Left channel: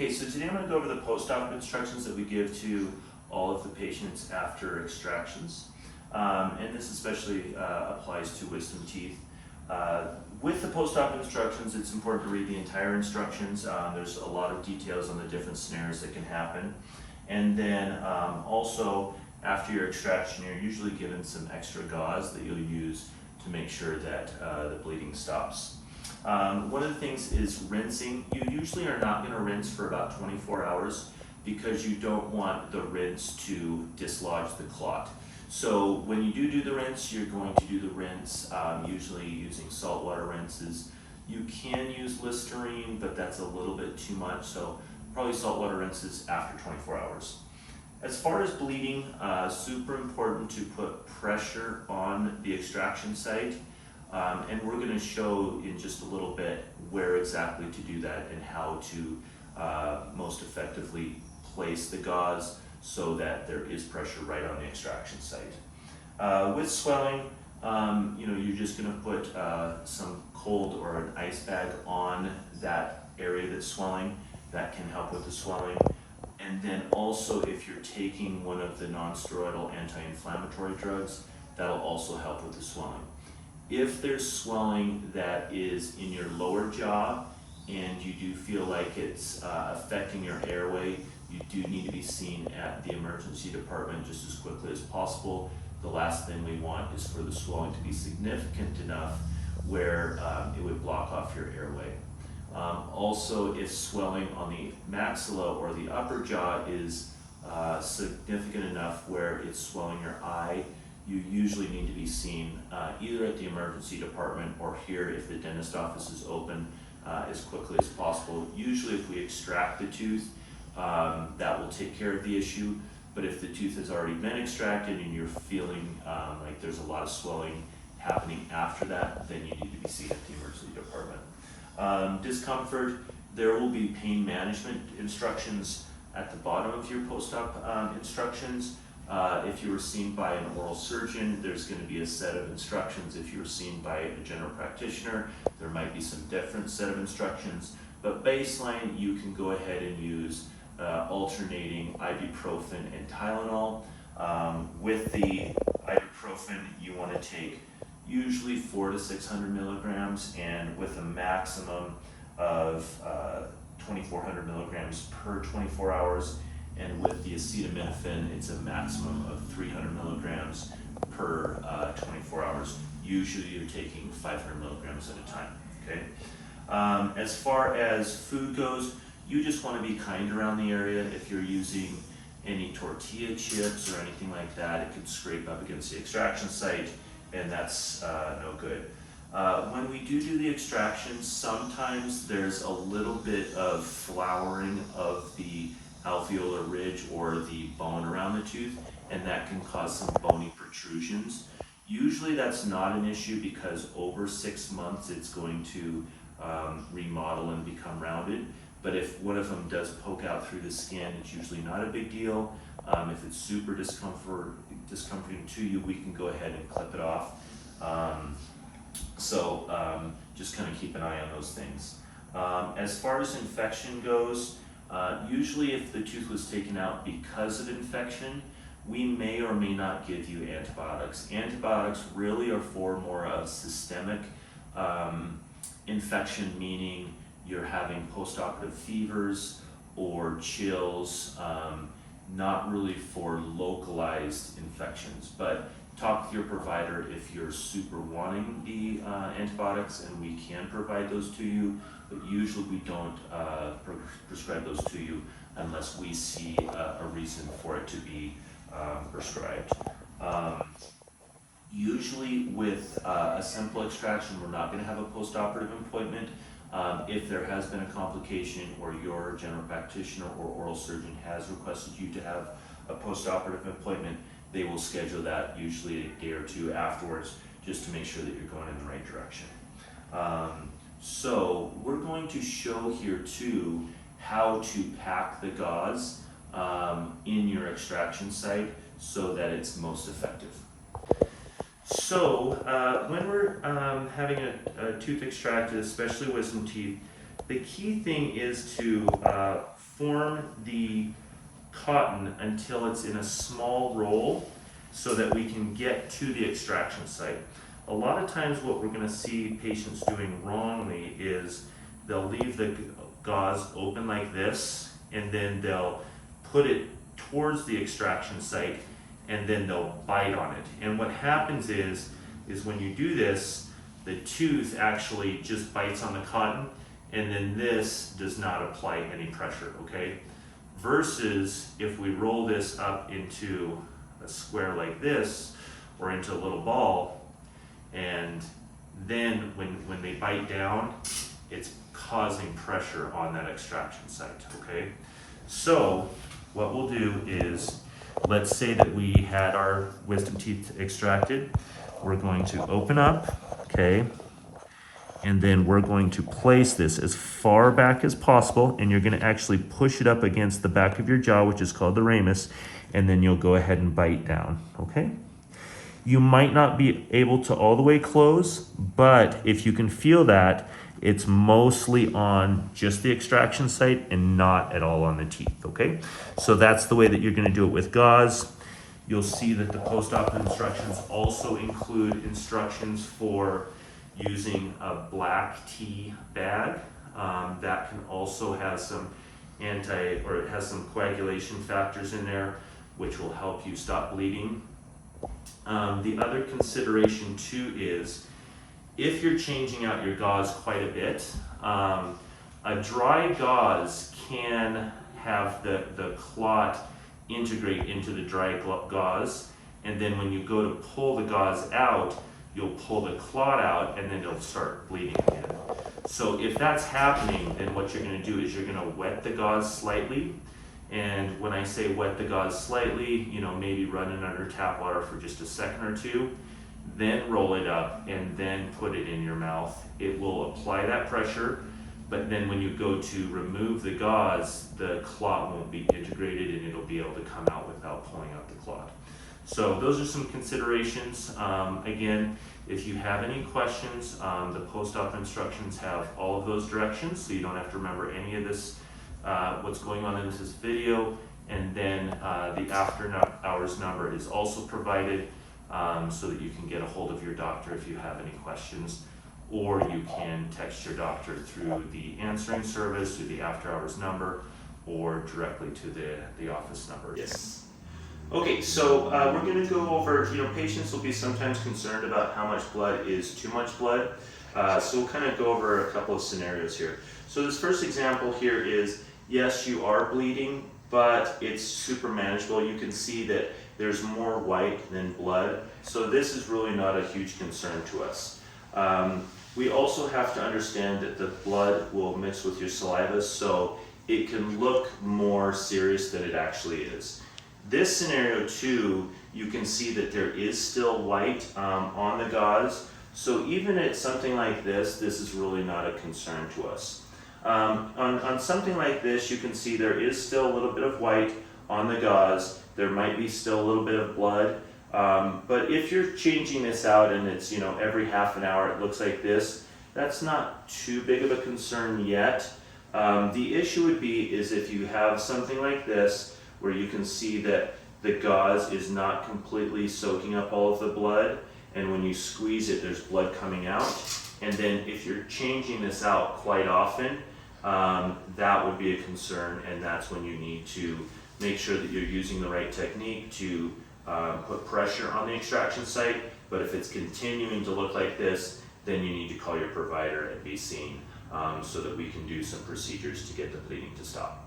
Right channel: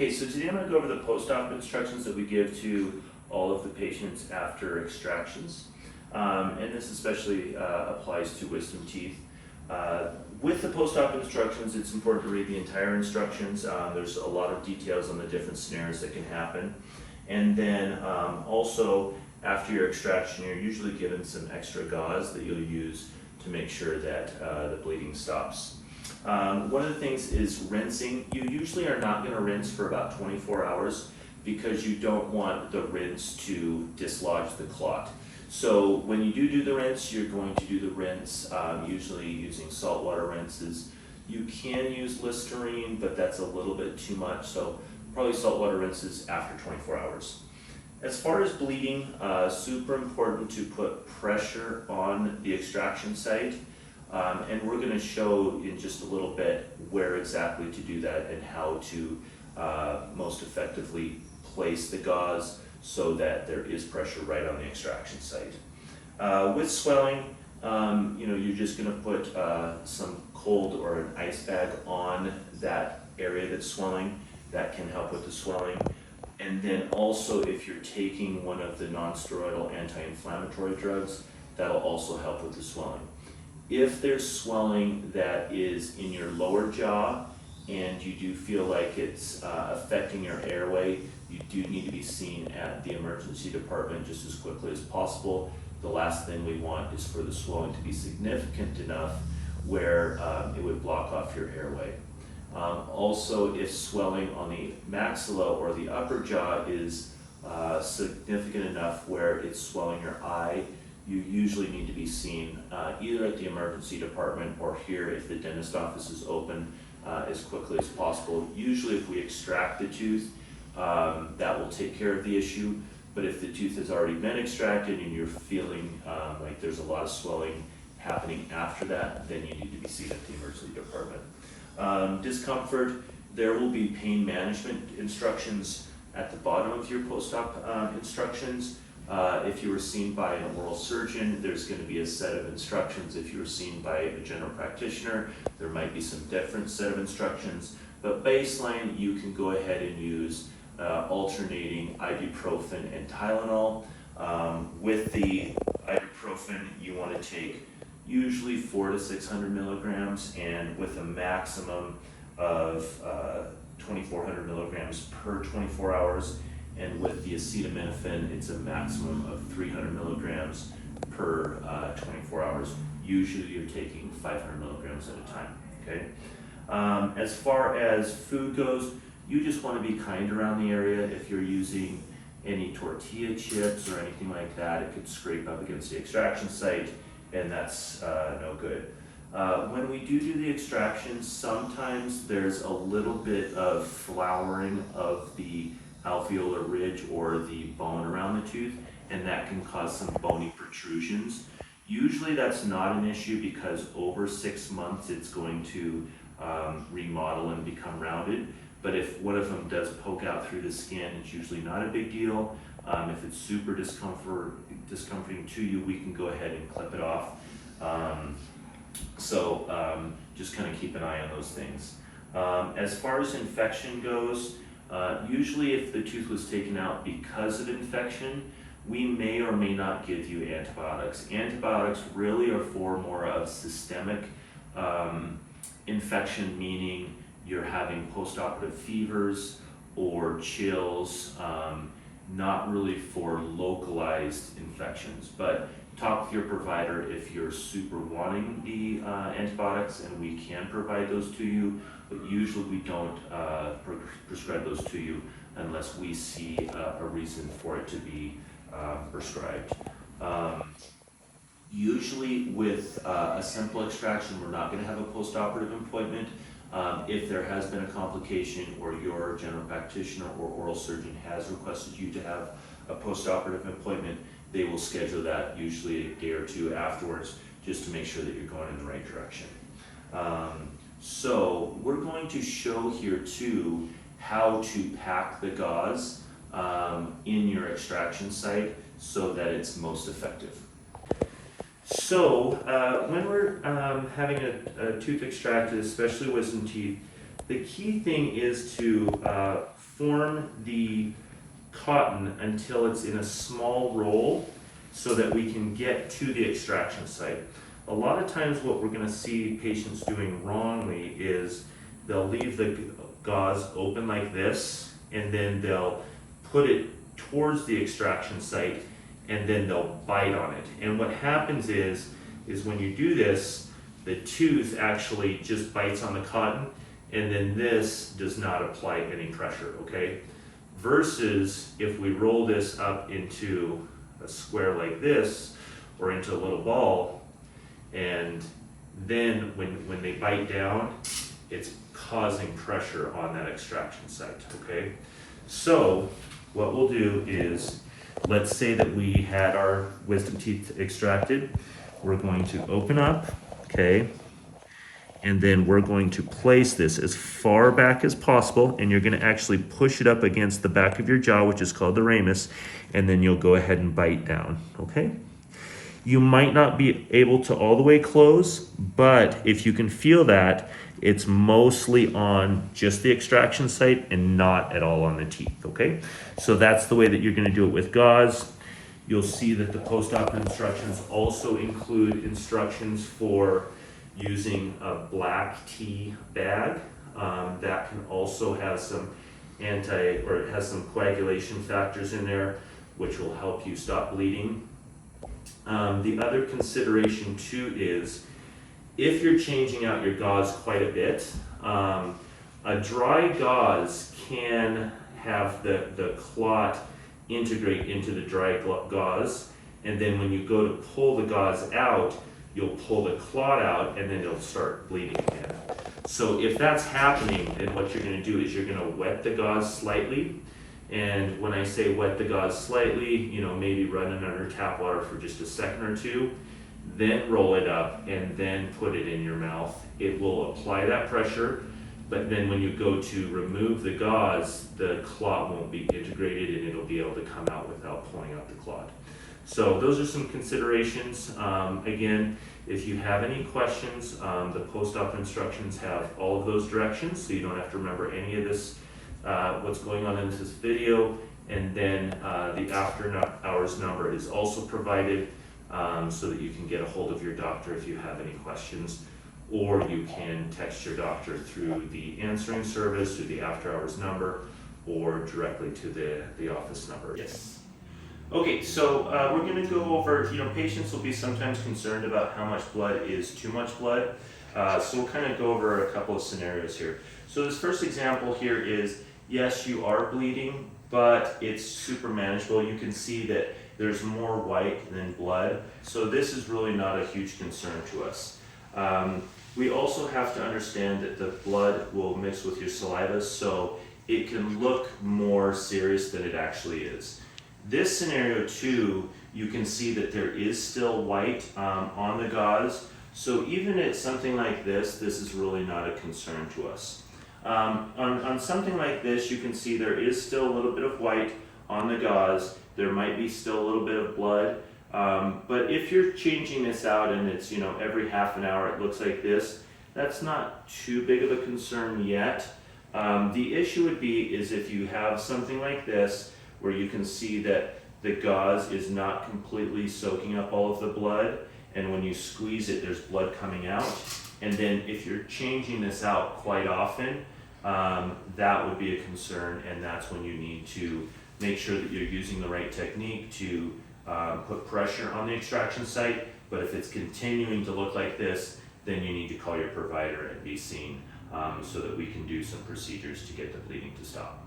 Okay, so today I'm going to go over the post-op instructions that we give to all of the patients after extractions. And this especially applies to wisdom teeth. With the post-op instructions, it's important to read the entire instructions. There's a lot of details on the different scenarios that can happen. And then also, after your extraction, you're usually given some extra gauze that you'll use to make sure that the bleeding stops. One of the things is rinsing. You usually are not going to rinse for about 24 hours because you don't want the rinse to dislodge the clot. So when you do the rinse, you're going to do the rinse usually using saltwater rinses. You can use Listerine, but that's a little bit too much, so probably saltwater rinses after 24 hours. As far as bleeding, super important to put pressure on the extraction site. And we're going to show in just a little bit where exactly to do that and how to most effectively place the gauze so that there is pressure right on the extraction site. With swelling, you're just going to put some cold or an ice bag on that area that's swelling. That can help with the swelling. And then also, if you're taking one of the non-steroidal anti-inflammatory drugs, that'll also help with the swelling. If there's swelling that is in your lower jaw and you do feel like it's affecting your airway, you do need to be seen at the emergency department just as quickly as possible. The last thing we want is for the swelling to be significant enough where it would block off your airway. Also, if swelling on the maxilla or the upper jaw is significant enough where it's swelling your eye, you usually need to be seen either at the emergency department or here if the dentist office is open as quickly as possible. Usually if we extract the tooth, that will take care of the issue, but if the tooth has already been extracted and you're feeling like there's a lot of swelling happening after that, then you need to be seen at the emergency department. Discomfort, there will be pain management instructions at the bottom of your post-op instructions. If you were seen by an oral surgeon, there's going to be a set of instructions. If you were seen by a general practitioner, there might be some different set of instructions. But baseline, you can go ahead and use alternating ibuprofen and Tylenol. With the ibuprofen, you want to take usually 400 to 600 milligrams, and with a maximum of 2,400 milligrams per 24 hours. And with the acetaminophen, it's a maximum of 300 milligrams per 24 hours. Usually you're taking 500 milligrams at a time, okay? As far as food goes, you just want to be kind around the area. If you're using any tortilla chips or anything like that, it could scrape up against the extraction site, and that's no good. When we do the extraction, sometimes there's a little bit of flouring of the alveolar ridge or the bone around the tooth, and that can cause some bony protrusions. Usually that's not an issue because over 6 months it's going to remodel and become rounded, but if one of them does poke out through the skin, it's usually not a big deal. If it's super discomforting to you, we can go ahead and clip it off. Just kind of keep an eye on those things. As far as infection goes, usually if the tooth was taken out because of infection, we may or may not give you antibiotics. Antibiotics really are for more of systemic infection, meaning you're having post-operative fevers or chills, not really for localized infections. But talk with your provider if you're super wanting the antibiotics, and we can provide those to you, but usually we don't prescribe those to you unless we see a reason for it to be prescribed. Usually with a simple extraction, we're not going to have a post-operative appointment. If there has been a complication or your general practitioner or oral surgeon has requested you to have a post-operative appointment, they will schedule that usually a day or two afterwards just to make sure that you're going in the right direction. So we're going to show here too how to pack the gauze in your extraction site so that it's most effective. So when we're having a tooth extracted, especially wisdom teeth, the key thing is to form the cotton until it's in a small roll so that we can get to the extraction site. A lot of times what we're going to see patients doing wrongly is they'll leave the gauze open like this, and then they'll put it towards the extraction site, and then they'll bite on it. And what happens is when you do this, the tooth actually just bites on the cotton, and then this does not apply any pressure, okay? Versus if we roll this up into a square like this, or into a little ball, and then when they bite down, it's causing pressure on that extraction site, okay? So what we'll do is, let's say that we had our wisdom teeth extracted. We're going to open up, okay? And then we're going to place this as far back as possible, and you're going to actually push it up against the back of your jaw, which is called the ramus, and then you'll go ahead and bite down, okay? You might not be able to all the way close, but if you can feel that, it's mostly on just the extraction site and not at all on the teeth, okay? So that's the way that you're going to do it with gauze. You'll see that the post-op instructions also include instructions for using a black tea bag. That can also have some it has some coagulation factors in there, which will help you stop bleeding. The other consideration too is, if you're changing out your gauze quite a bit, a dry gauze can have the clot integrate into the dry gauze, and then when you go to pull the gauze out, you'll pull the clot out, and then it'll start bleeding again. So if that's happening, then what you're going to do is you're going to wet the gauze slightly. And when I say wet the gauze slightly, maybe run it under tap water for just a second or two, then roll it up and then put it in your mouth. It will apply that pressure, but then when you go to remove the gauze, the clot won't be integrated and it'll be able to come out without pulling out the clot. So those are some considerations. Again, if you have any questions, the post-op instructions have all of those directions, so you don't have to remember any of this, what's going on in this video. And then the after hours number is also provided, so that you can get a hold of your doctor if you have any questions, or you can text your doctor through the answering service, through the after hours number, or directly to the office number. Yes. Okay, so we're going to go over, patients will be sometimes concerned about how much blood is too much blood. So we'll kind of go over a couple of scenarios here. So this first example here is, yes, you are bleeding, but it's super manageable. You can see that there's more white than blood. So this is really not a huge concern to us. We also have to understand that the blood will mix with your saliva, so it can look more serious than it actually is. This scenario too, you can see that there is still white on the gauze. So even at something like this is really not a concern to us. On something like this, you can see there is still a little bit of white on the gauze. There might be still a little bit of blood. But if you're changing this out and it's, every half an hour it looks like this, that's not too big of a concern yet. The issue would be is if you have something like this, where you can see that the gauze is not completely soaking up all of the blood, and when you squeeze it, there's blood coming out. And then if you're changing this out quite often, that would be a concern, and that's when you need to make sure that you're using the right technique to put pressure on the extraction site. But if it's continuing to look like this, then you need to call your provider and be seen, so that we can do some procedures to get the bleeding to stop.